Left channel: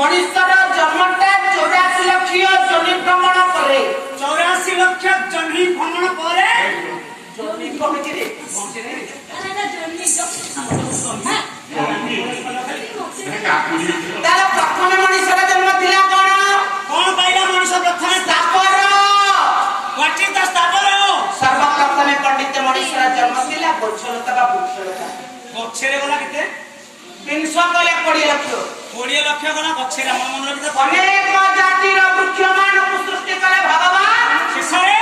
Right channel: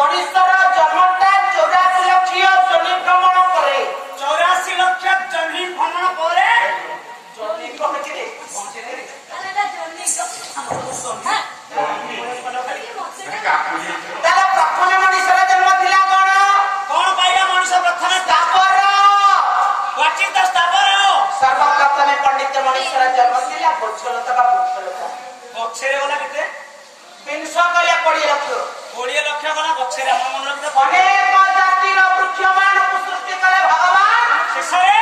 मनुष्यर जन्मटा 84 लक्ष जोनि भ्रमण करे 84 लक्ष जोनि भ्रमण करे जोनि कहछि रे अरे ना जोनि तार प्रथम मनुष्यर जन्म थिला कोन पाइला मनुष्य प्रथम स्थावर व्हाट इज द स्थावर सर्वप्रथम पंडित मनुष्यर जन्म थिला वृक्षलता बा वृक्षलता गछरे गला केते 300 गला 20 लक्ष 20 लक्ष गला गछरे हम मन रखिता अनेक जातिर वृक्ष मानव सृष्टि कले भगवान शेषरे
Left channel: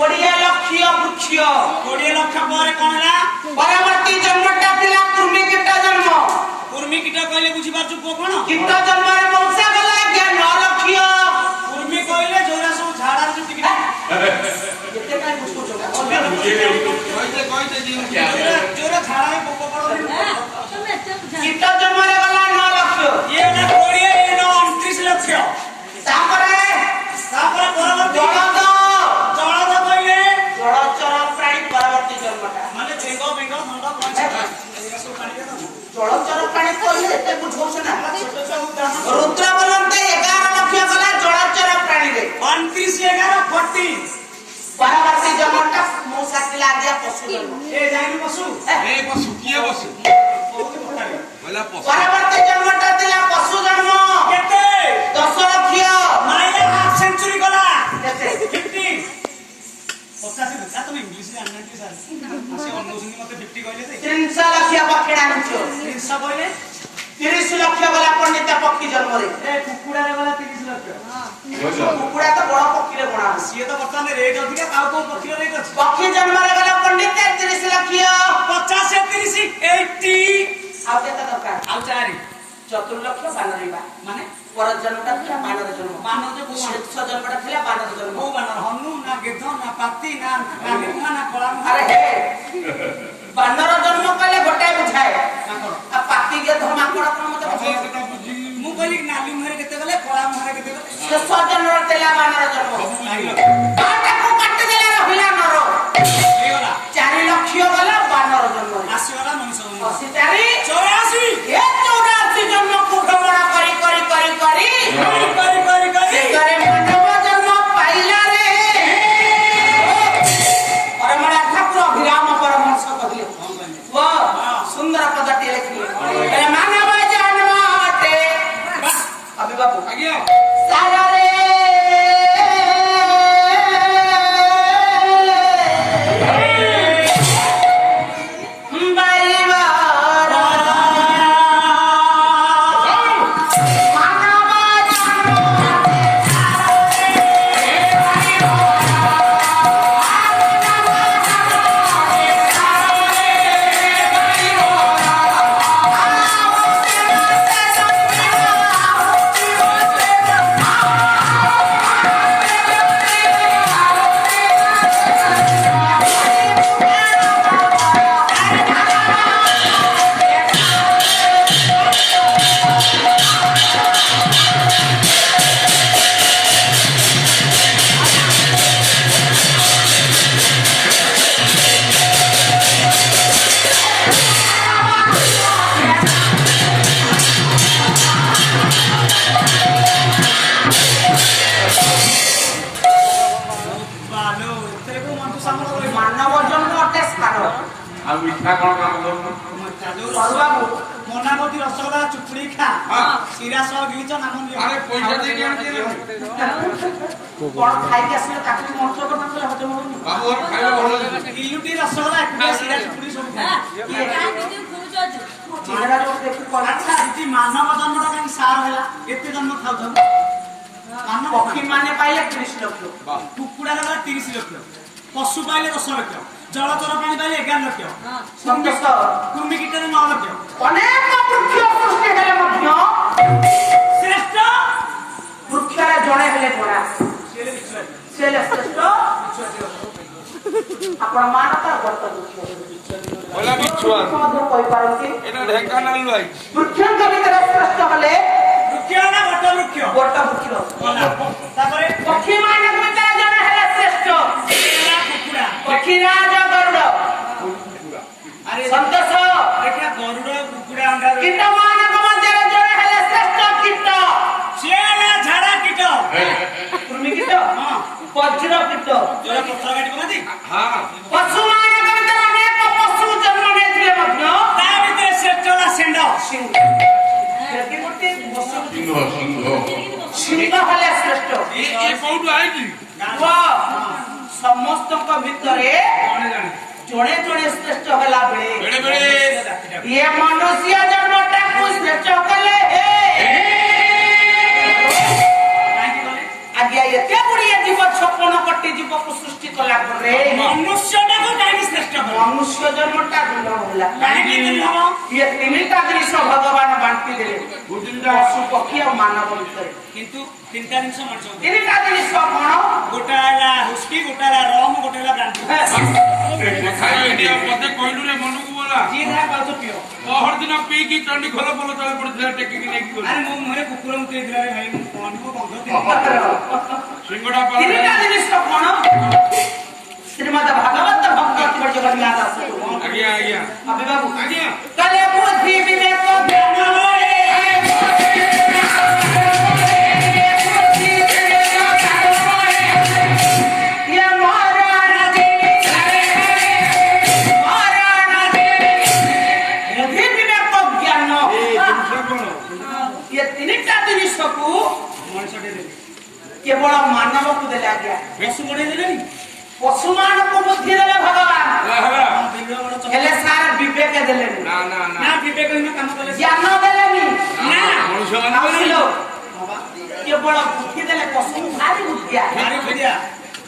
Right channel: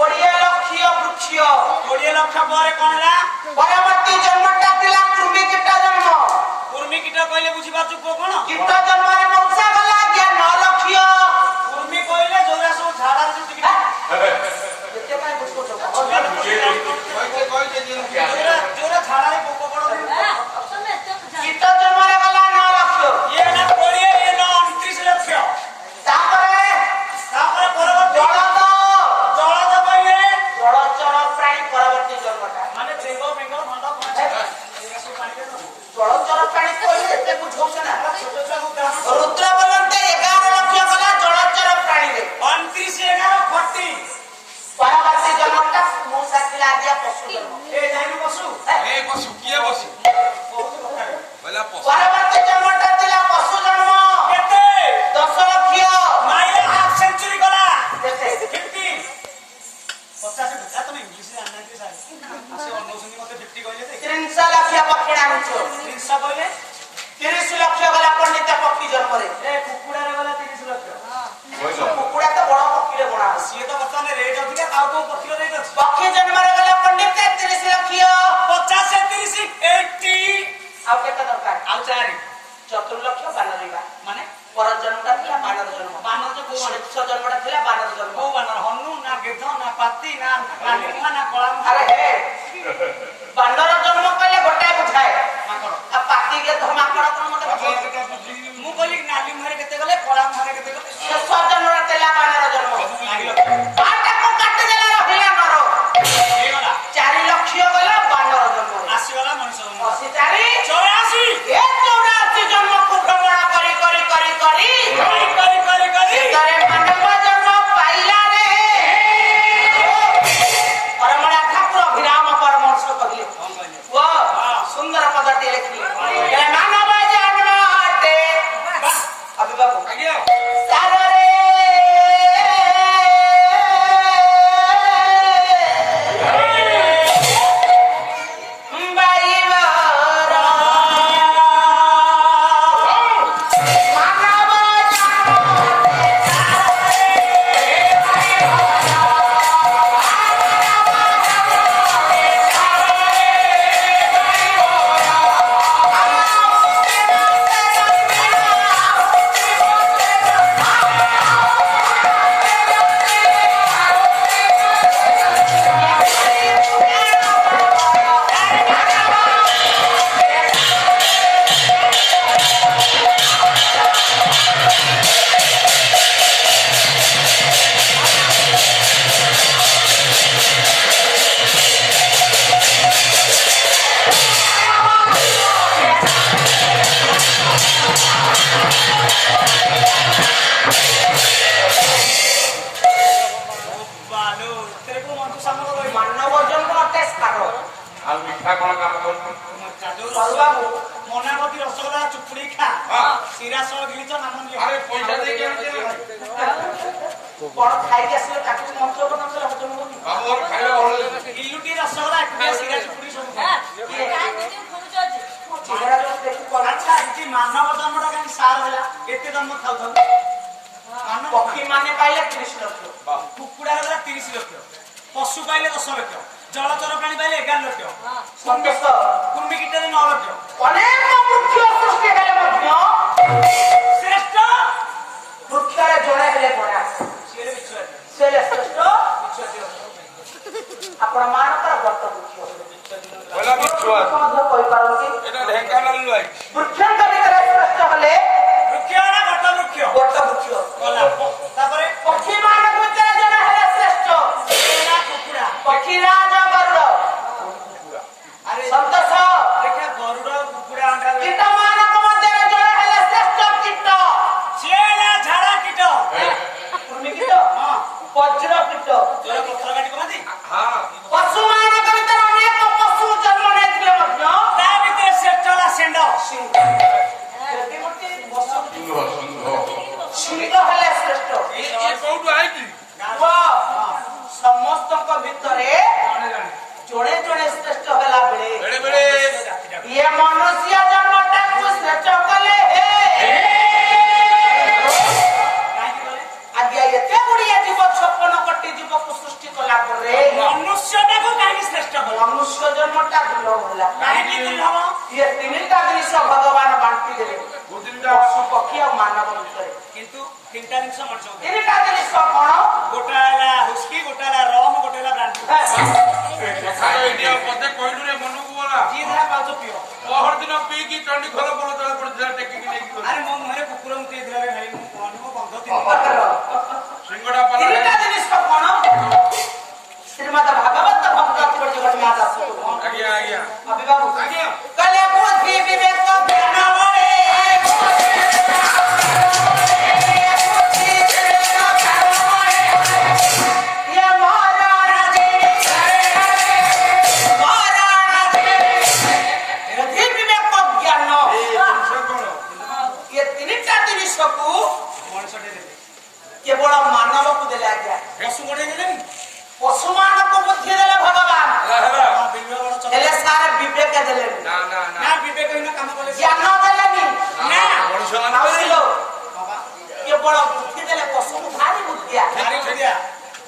20 लक्ष वृक्ष 20 लक्ष ପରେ कोन हला परवर्ती जन्मटा थिला कुर्मी कीटा जन्म कुर्मी कीटा कहले बुझी पाछु कोन कीट जन्म रे वंशा गला 9 लक्ष कुर्मी कहले जोरा सब झाड़ा रे टिक केते काई बुझको जोरा झाड़ा रे पोको पड़ो कीट जन्म रे गला 9 लक्ष ये ना 20 ये ना 29 लक्ष तापरे परवर्ती जलद कहले जलचर प्राणी परवर्ती जन्मटा माने बेंग मंडा जलचर प्राणी कहले एते बुझौछ ना रुद्र बोलंते 11 लक्ष गला जलचर प्राणी रे 29 11 40 परवर्ती जन्मटा मौसा किला दिया पशु जन्म ए जाइनु पशु किए बसु बोला पशु परवर्ती जन्मटा दिला पशु जन्म केते 10 लक्ष माइल हाफ सेंचुरी गला केते 50 50 बुझा तुम इंग्लिश रे जानते सारे आसे अनुसंधि मते 50 कहले दे 300 लक्ष पक्षी आनिछो 300 कहले 30 लक्ष गला पंडित पक्षी जन्म रे ए कुकुडा रे गला 30 लक्ष कुकुड़ा तो बड़ पक्षी रे बना सिए तो वर्तमान रेट अधिका काउ तो पक्षी रेट अछि पक्षी जन्म रे गला पंडित 30 लक्ष 50 से 30 80 आउ केते दरकार आउ चारि चतुर्लक्ष बानरीबा माने पर जन्मटा थिला बानर जन्म बानर जे कोन मनुष्य जन्मटा थिला बानर जन्म को बानर हनु ना गेध ना पाती ना नालिमा ना कळा अरे हे बानर जन्म कहले गोटे बुझाए माकड़ आ पाती के धमाकड़ कोन मते बुझाए मु कहली नाली मुहरे केते गले कळा मुहरे केते गले शेष जन्म थिला बानर जन्म बाटा को काटी देला रहिला नर ए गला 4 लक्ष गला बानर जन्म आसी गला मनुष्य जन्म 84 84 ए 84 जन्म को भ्रमण करी करे मानव जन्म पाइला रे परमड़ा ठाकुर अभिराम परमहंस कहले वो सुंदर पदटी लिखिए ए मानव जन्म अटे अभी बाबू आगे सारा रे मानव जन्म अटे स्थान आ मिठा कोन काम करू बाबू मनामती रसगोल्ला चुपड़ी खा हां सिरा सह गिलिच नाम अरे पैसा दे के कोन खाइ के असले काटी मंत्र को नाम से हजम होनी बाबू और खाइले भलो इलुटी रसगोल्ला एटा सिरा चुपड़ी सब खा चिहरा जो देखि कोन अच्छा इति मानव जन्मटा काई सार होला केते जन्म खाउ खाउ मानव पक्षी माने पाइले 30 लक्ष कुकुडा रे 30 लक्ष पशु पाइले 10 लक्ष जलचर प्राणी पाइले 11 लक्ष संतोष कुर्मी कीटरे 9 लक्ष अनेक वृक्ष सृष्टि हेले मध्य श्रेष्ठ वृक्षरे जणे हेले कोना सेले बिछुआ सेले श्रेष्ठ आपण मानता गत वृक्ष बोला बिछुआ कौन कोई पारंती एटा ढेंकानाल भाई वृक्षन कवितरे श्रेष्ठ हले वृक्ष ना गत वृक्ष गत वृक्ष होला तापरे पक्षी मान कवितरे जणे हेले श्रेष्ठ सेला कुकुडा पक्षीराज गरुड़ अरे संतोष देखा गरुड़ कुकुडा अंडा कीट मान मध्य जणे हेले श्रेष्ठ कीट ବଜ୍ର କୀଟ ଯୋଉରା ପଥର କାଟି କମାନ୍ତି ହଁ ପଶୁ ମାନଙ୍କ ଭିତରେ ଅନେକ ପଶୁ ଜନ୍ମ ନେଇଥିଲେ ମଧ୍ୟ ତା ଭିତରେ ଶ୍ରେଷ୍ଠ ହେଲା ଷେଣ୍ଢ। ସିଂହ ହେଲେ ଶ୍ରେଷ୍ଠ। ଏ କୋଉଠୁ ଆଇଛି ପୁଅ, ସମସ୍ତଙ୍କ ଭିତରେ ଜଣେ ଜଣେ ଜଣେ ଜଣେ ଶ୍ରେଷ୍ଠ ହେଲା ବେଳେ ବେଳେ ବେଳେ ଇଏ ମନୁଷ୍ୟ ଜନ୍ମଟାକୁ ଶ୍ରେଷ୍ଠ କଲେ କାହିଁକି କଲେ? ଆଜ୍ଞା ଏତେ ଗୁଡିଏ ଜୀବ 56 କୋଟି ଜୀବକୁ ସୃଷ୍ଟି କଲା ପରେ ମନୁଷ୍ୟଟାକୁ କାହିଁକି ଶ୍ରେଷ୍ଠ କଲେ? ମନୁଷ୍ୟ ଜନ୍ମଟା ଦୁର୍ଲଭ ହେଲା। କାହିଁକି ଦୁର୍ଲଭ? ଇଏ ତିନିଟା ଜିନିଷ ଭଗବାନ ବାଣ୍ଟି ଦେଲେ ବୁଦ୍ଧିଟା ପଶୁ ପକ୍ଷୀ ଆଉ ମାନବ ଭିତରେ। କିନ୍ତୁ ତିନିଟା ଜିନିଷ ମଣିଷ ତିନିଟା ଜିନିଷ କଣ? ଗୋଟା ହେଲା ହୁସ୍କି, ଗୋଟା ହେଲା ରମ, ଗୋଟେ ହେଲା ବ୍ରାଣ୍ଡି। ଖାଇ ଏଇଠି ଆଉ ମତେ କହିଲୁ ରେ ମନକୁ ବୋଲା ଯିଏ ଯାହା ପାଉଛ ପିଅ। ପହର ଦିନ ପିଇକି ଚଣ୍ଡି ଖୋଲ ପୋଲ ତଳେ ପଡିଥିଲା ଟେକିକି ନେଇକି ଗଲି। ଆରେ ମୋ ମୁହଁରେ କୁକୁର ମୁତି ଦେଇଥିଲା ରେ ଭାଇ, ମୁଁ କହନି ମୋ ବନ୍ଧ ଥିଲା। ସିଙ୍ଗଡା ତିନିଟା ପାଲା ଜିନିଷ କଣ? ଶ୍ରୀମଦ ଭାଗବତ ଭକ୍ତ ଅତିବଡ ଜଗନ୍ନାଥ ଦାସ ଆଜ୍ଞା ଆଜ୍ଞା ଅବି ବାବୁ ଆଜ୍ଞା କଲେ ବୁଦ୍ଧି ବିବେକ ଜ୍ଞାନ ବଳେ ये महाराज बुद्धि विवेक ज्ञान ये ତିନିଟା ଜିନିଷକୁ ମଣିଷଟେ ଦେଲେ। କେବଳ ମାନବକୁ ଦେଲେ ଆଜ୍ଞା। ପଶୁ ବଢେଇ ଦେଲେନି? ପଶୁମାନଙ୍କୁ ବୁଦ୍ଧି ଦେଲେ ଭଗବାନ, ହେଲା ବିଲୁଆ ବଡ ଚକ। ହେଲେ ସାର ବିବେକ ଦେଲେନି, ନା ନା ନା ନା ବିବେକହୀନ କାମ କଲେ। ଜ୍ଞାନ ଦେଲେନି। ନା। ମଣିଷ ମାନେ ଆସିଲ କେବଳ ବୁଦ୍ଧି ଦେଲେ ପଶୁକୁ ଭାରି ବୁଦ୍ଧିଆ। ଭାରି ଖୋଜିଆ।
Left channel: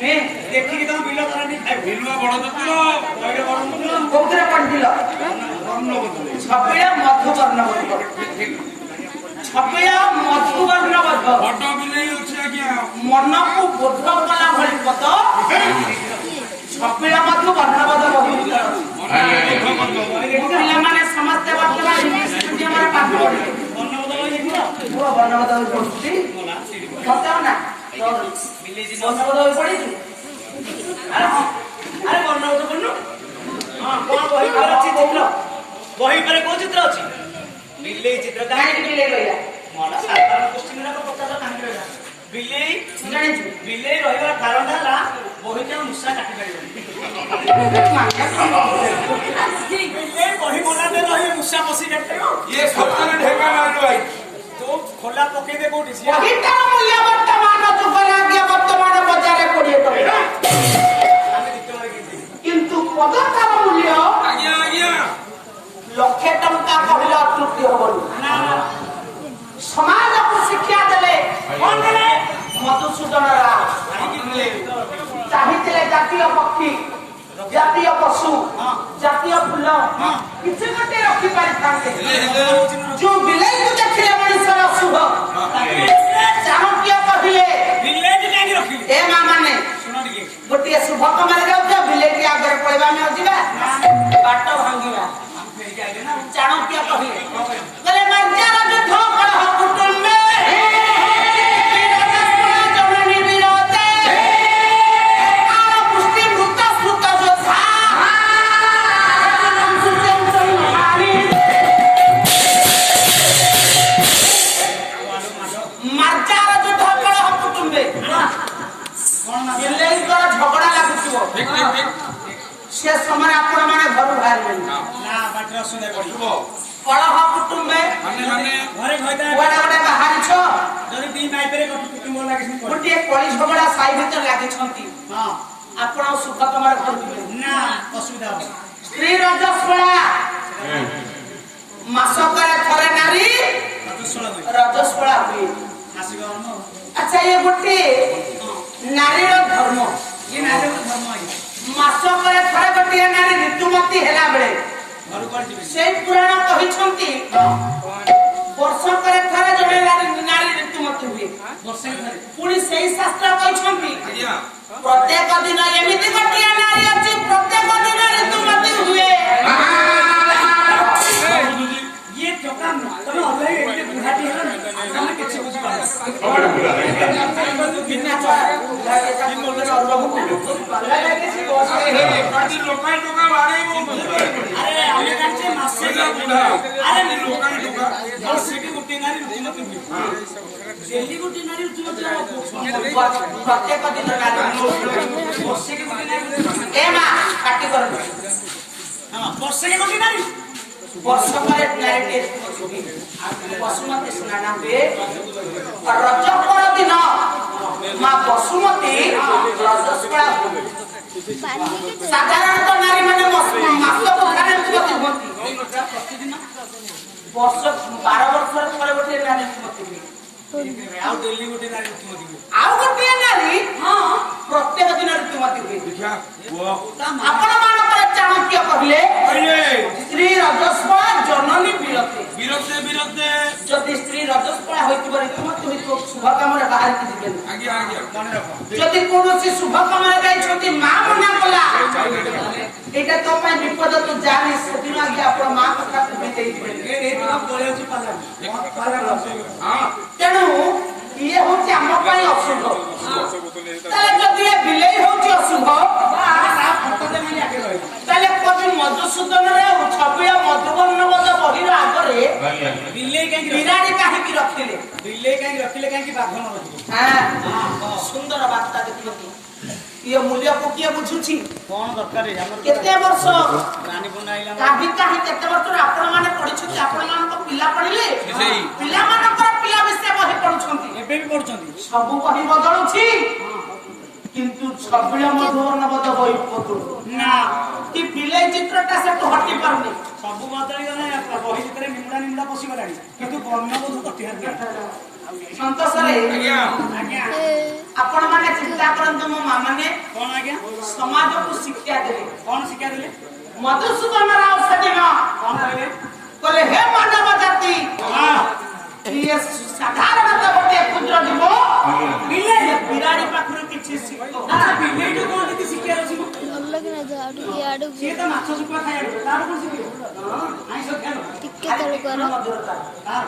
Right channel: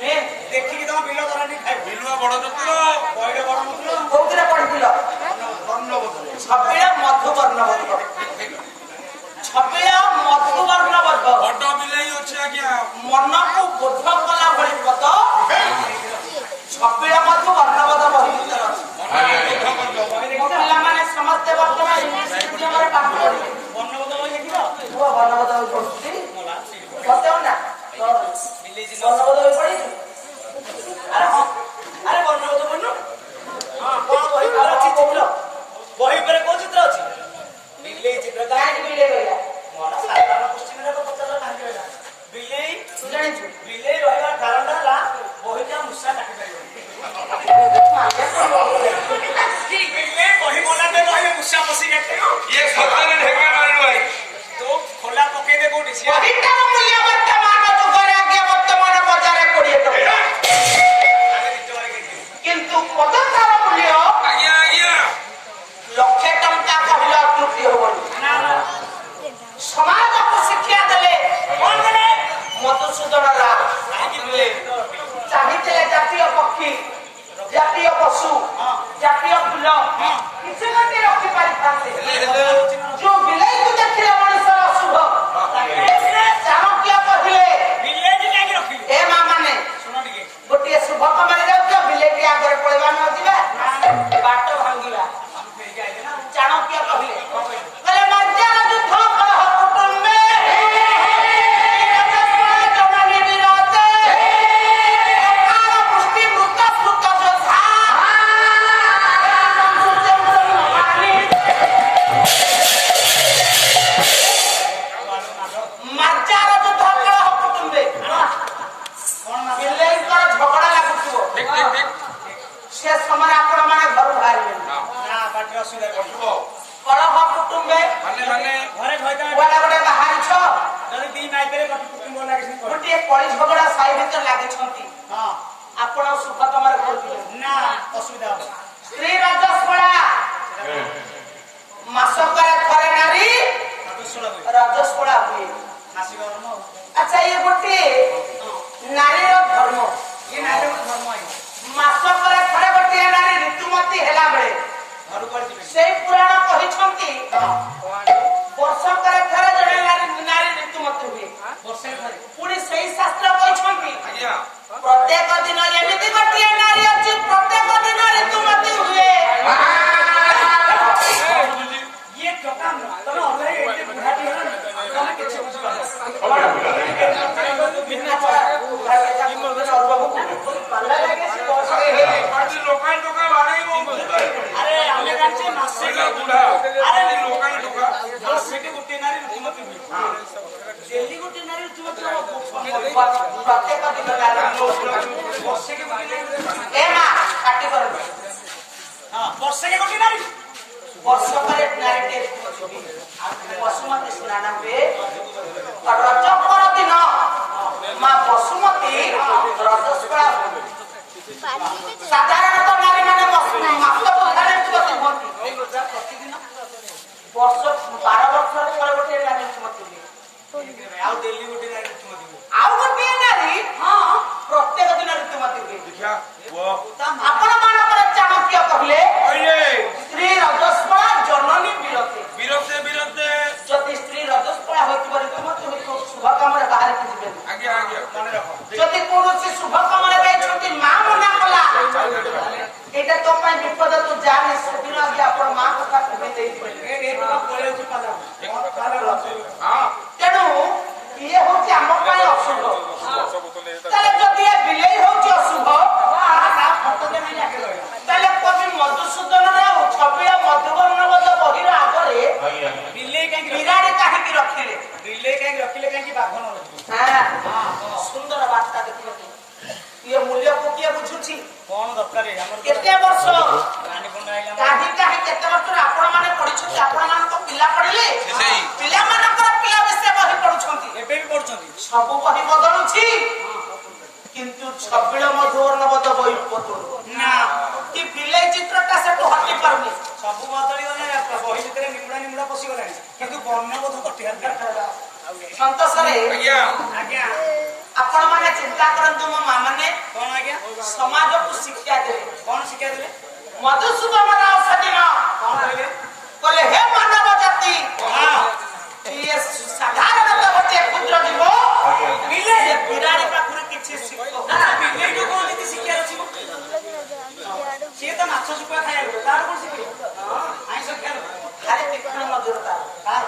ଏ, ଦେଖିକି ତମ ବିଲ ତରାଟି ଖାଇବ। ବିଲୁଆ ବଡ ଚତୁର କହିଲେ ବଡ ମୁଦ୍ର। କୋଉଥିରେ ପଢିଥିଲ? ଛପିଳ ମଧୁବର୍ଣ୍ଣବୋଧ। ଛପିଳ ମଧୁବର୍ଣ୍ଣବୋଧ ବଡ ବିଲେଇ ଅଛି ଆଜ୍ଞା ମନକୁ ବୋଧ କଲା ଭଳି ପଦ ଛପିଳ ମଧୁବର୍ଣ୍ଣବୋଧ ବହି ଭିତରେ ଅଛି। ମୋ ପିଲାମାନେ ସମସ୍ତେ ବର୍ତ୍ତମାନ ଇଂଲିଶ ମିଡିୟମରେ ପାଠ ପଢିବେ। ବର୍ଣ୍ଣବୋଧ ବହି ଦେଖିଲ? ପୁଅ ବର୍ଣ୍ଣବୋଧ ବହି ପଢୁଛି ଗଲା, ସେଇଠି ପଢ। ସତେও ନା ବିଲେଇ ଚିହ୍ନ। ବର୍ଣ୍ଣବୋଧ ବହି ପଢିଛୁ? ଆରେ ହଁ। ଆରେ ବର୍ଣ୍ଣବୋଧ ପଢୁନୁ? ହଁ, କଣ ବହି ଉପରେ ଅଛି ଦେଖିଲ? ବହି ଉପରେ କୋଉ ଚିତ୍ର ଅଛି? ବିଲେଇ ଚିତ୍ର। କାହିଁକି ବିଲେଇ ରହିଲା? ମନ ସାଧାରଣ କୋଶ୍ଚିନ୍ ରେ ପଚାରିଲ କାହିଁକି ରହିଲା? ବିଲେଇ ତୁ ଜାଣିଛୁ? ବିଲେଇ ରହିବାର କାରଣଟା ହେଲା ବହିଟା ମୂଷା କାଟି ପାରିବନି। ବିଲେଇ ବହି ବନାতে ରହିଲେ ମୂଷା ପଶି କାଟିବ। ଇଏ ସତରେ ଢେଙ୍କାନାଳ ଭାଇ ତୁ ଖୋଲା ପକେଇଦେ କୋଉଠି ସିଏ ବହିଟାର ମୂଲ୍ୟ ବର୍ତ୍ତମାନ ଯୁଗରେ ଆଜ୍ଞା ବର୍ତ୍ତମାନ ବଜାରରେ 20 ଟଙ୍କା, ଆମେ ଦିଟବାରେ କିଣିଥିଲୁ। କିନ୍ତୁ ପଦଟାର ମୂଲ୍ୟ ଆଜ୍ଞା ଆଜ୍ଞା 1,00,000 ଟଙ୍କା କହିଲେ ଅତ୍ୟୁକ୍ତି ହବନି। ନା ନା ସମାଜକୁ ଶିକ୍ଷା ଦେଲେ କଣ କଲେ? ମଧୁସୂଦନ ରାୟ କାହିଁକି ବିଲେଇ? ଚାହିଁଥିଲେ ଜାତୀୟ ପକ୍ଷୀ, ଜାତୀୟ ପଶୁ, ଜାତୀୟ ଫୁଲ କିଛି ଗୋଟେ ରଖିପାରିଥାନ୍ତେ। ଯୋଉ ବିଲେଇକୁ ଦେଖିଲେ ମଣିଷର ଅଶୁଭ, ଚାଣକ୍ୟ କହିଲେ ବିଲେଇଟି କାହିଁକି ରଖିଲି? ଏ ମା ମାନେ ଶୁଣ ଟିକେ। ଗୋଟିଏ ଶୁଭ କାମରେ ଯାଉଛ, ବିଲେଇଟି ଆଗରେ ପଳେଇବା, ଆମେ ଯିବା ବାଟ ଭାଙ୍ଗିବା। ଫେରିକି ଆଇଲେ ନା। ଚାଣକ୍ୟ କହିଲେ କହିଲେ ମାର୍ଜାର ଯୁଦ୍ଧ କଳହ କୁଟୁମ୍ବେ ଜନନୀ ବିରୋଧେ ଅକାଳ ବୃଷ୍ଟି ମୃତ ସ୍ମୃତ ଯୋଦ୍ଧା ମାର୍ଜାର ଯୁଦ୍ଧ କଳହ କୁଟୁମ୍ବେ। ବିଲେଇଙ୍କର ଝଗଡା ଲାଗୁଥିବ, ଠିକ ଠିକ ଠିକ ସେ ସମୟରେ ଆପଣ ମାନେ ଘରୁ ବାହାରିବେନି। ନା ବାଟରେ ଅସୁବିଧା ପଡିବ। କଳହ କୁଟୁମ୍ବେ ମାନେ ମାନେ ଘରେ ଘଇତା କୁଆଡେ ଗୋଟେ ବାହାରିଛ, ଯଦି ଦି ମାଇପେରେ କୁଟୁମ୍ବ ଲାଗିଛି ପଡେ। ଗୋଟିଏ କଳି ଝଗଡା ସାହି ଭିତରେ ଲାଗିଛନ୍ତି, ହଁ ଆପଣ ସୁଖ ତମର ଘରୁ ଯିବେନି। ନା ଅସୁବିଧା ହବ। ସ୍ତ୍ରୀ ରଜସ୍ୱଳା, ମାସକରେ ଥରେ ନାରୀ ରଜସ୍ୱଳା ହୁଏ। ଆସିବ ଧର୍ମ। ଆଚ୍ଛା, ଇଏ ଗୋଟିଏ ନାରୀର ଧର୍ମ। ଇଏ ନାରୀର ଧର୍ମ ଆଜ୍ଞା। ମାସକରେ ଥରେ ଗୋଟିଏ ନାରୀ ଋତୁମତୀ ହେଲା ବେଳେ ଘରୁ କୁଆଡେ ଯିବେ? ସେଇ ପୁରାଣ କହିଛନ୍ତି ବର୍ଷକରେ ଥରେ ଜଣେ ନାରୀ ଋତୁମତୀ ହୁଏ। ବର୍ଷେ ଥରେ। ପୁଣି ସେଇ ଶାସ୍ତ୍ର କହିଛନ୍ତି ଆଜ୍ଞା ପ୍ରତ୍ୟେକ ଦିନ ଏମିତି ଗୋଟିଏ ନାରୀ ଅଛି ପ୍ରତ୍ୟେକ ଦିନ ଋତୁମତୀ ହୁଏ। ବୁଝୁଛି ଇଏ ଟୋକା ତମେ ଅଲଗା ଏତେ ବୁଢାଟି ହେଲାନି ତମେ କିଛି ବୁଝିପାରୁନ। ପାଲା ଲାଗେ ସେ ବସ ପାଟି ଲୋକାଇ ଟୋକା ବାଡ଼େଇ ମୁଁ ବୁଝିପାରିବି। ଆରେ ଆମେ ଜାଣିଛେ ମାସେ ସେଇଟା ବୁଢା ଆରେ ଲୋକାଇ ଟୋକା ମାସେକେ ଗୋଟିଏ ନାରୀ ଋତୁମତୀ ହୁଏ ଡେଲି ଗୋଟିଏ ନାରୀ ଋତୁମତୀ ହବ ପ୍ରତ୍ୟେକ ଦିନ ବର୍ଷେକେ ଗୋଟିଏ ନାରୀ ଋତୁମତୀ ଏ ମା କାଟି କରନ୍ତୁ ହଁ ବର୍ଷେକେ ଗୋଟିଏ ନାରୀ ବର୍ଷକରେ ନାରୀଟେ ବସୁମତୀ ସ୍ନାନ ହୁଏ ରଜ ପର ଦିନ ମା ବସୁମତୀ ରଜସ୍ୱଳା ହୁଏ। ସାଧାରଣତଃ ନାରୀ ମାନେ ମାସ ପୋଖାରେ ଋତୁମତୀ ହୁଅନ୍ତି ପ୍ରତିଦିନ ବର୍ଷ 12 ବର୍ଷରେ ଥରେ ଗୋଟେ ନାରୀ ଋତୁମତୀ ହୁଏ ଆଉ ଡେଲି ଗୋଟିଏ ନାରୀ ଋତୁମତୀ ହୁଏ ଆଉ ଗୋଟିଏ ନାରୀ ପ୍ରତ୍ୟେକ ଦିନ ଋତୁମତୀ ହୁଏ। ଦେଖିଆ ପୁଅ ଆପଣ ମାନଙ୍କର ଚାଣକ୍ୟ କହିଲେ କହିଲେ ସ୍ତ୍ରୀ ରଜସ୍ୱଳା ଜନନୀ ବିରତେ ବିରତେ ବିରତେ ଯଦି ସ୍ତ୍ରୀ ରଜସ୍ୱଳା ହୋଇଥିବ ତୁମେ ଶୁଭ କାମରେ ବାହାରିକି ଯିବେନି। ଆଜ୍ଞା ଆଜ୍ଞା ମନେ ରଖ ଯଦି କୌଣସି ଶୁଭ କାମରେ ଯାଇଛନ୍ତି ମା ମନା କଲା ଏଇଟା ତୋ ପାଇଁ ବିପଦ ତୁ ଜାଣି ସେଦିନ ଆଜ୍ଞା ଆପଣ ମା କଥା ଶୁଭି ଦେଇଥିବେନି। ପଳେଇଛି ପାଲା ହଁ ତେଣୁ ଇଏ ହଉଛି ଆମ ପାଇଁ ଅଶୁଭ। ତାହେଲେ ଯଦି ଏ ବିଲେଇ ହଉଛି ଅଶୁଭ ତାହେଲେ କବି ମଧୁସୂଦନ ରାଉ ଛବିଳ ମଧୁବର୍ଣ୍ଣବତ ବହିର ଆଗରେ ବିଲେଇ କାହିଁକି ବିରାଡ଼ି କାହିଁକି ରଖିଲେ? ବିଲେଇ କାହିଁକି ରଖିଲେ କାହିଁକି ବାଘ ନ ରଖିଲେ ସୁନ୍ଦର ବାର୍ତ୍ତା ଦେଖିବାକୁ ଇଏ ମୂଲ୍ୟକୁ କିଏ ବୁଝୁଛି? କଣ ଦରକାର ଆମର କେତେ ବର୍ଷ ରାନୀ ପଣ୍ଡା ଆଇଲା କାହିଁ କାହିଁ କେତେ ବର୍ଷରୁ ଆପଣ ମାନେ ପଢିଛନ୍ତି? ଆପଣ ମାନଙ୍କ ପିଲା ପଢିଲେ ସେଇ। ପିଲାମାନଙ୍କର ପିଲା ବିଷୟ ବହି ପଢୁଛନ୍ତି ଏବେ ବି ପଢୁଛନ୍ତି ସବୁ ବହି ବଦଳୁଛି କିନ୍ତୁ ଛବିଳ ମଧୁବର୍ଣ୍ଣବତ ବହି ବଦଳୁ ନା କି ବିଲେଇ ଚିତ୍ରଟା ସେଠୁ ହଟି ପାରୁନି। ସବୁ ବଦଳି ଗଲେ ବହି ଭିତରେ ନିମୁଡା ପଶିଗଲାଣି କିନ୍ତୁ ବର୍ଣ୍ଣବୋଧ କଟିଲା ସନ୍ତୋଷରେ ଆଜ୍ଞା ଆଜ୍ଞା ଆପଣ ମାନେ ଚିନ୍ତା କରନ୍ତୁ ମୋ ମା ମାନେ କଣ ଆଜ୍ଞା ସମାଜକୁ ଶିକ୍ଷା ଦେଲେ। କଣ ଶିକ୍ଷା ଦେଲେ ମଧୁସୂଦନ ରାଉ ସେଦିନ କଣ କହିଲେ କହିଲେ ହେ ମାନବ ଜାତି ଇଏ ସାଧାରଣତଃ ଗୋଟେ କ୍ଷୁଦ୍ର ଜୀବ ବିଲେଇ ବିରାଡ଼ି ପାଖରୁ କିଛି ଶିଖ ବିଲେଇଠୁ କଣ ଯଦି ଶିକ୍ଷାର ଅଛି ସିଏ ତ ମାଛ ଶୁଖୁଆ ଖାଇବାକୁ ତାର କଣ ଶିଖିବ ଆଇଁଷ ଖାଇବ ଖାଲି ତୀକ୍ଷ୍ଣ ନଜର ତାର।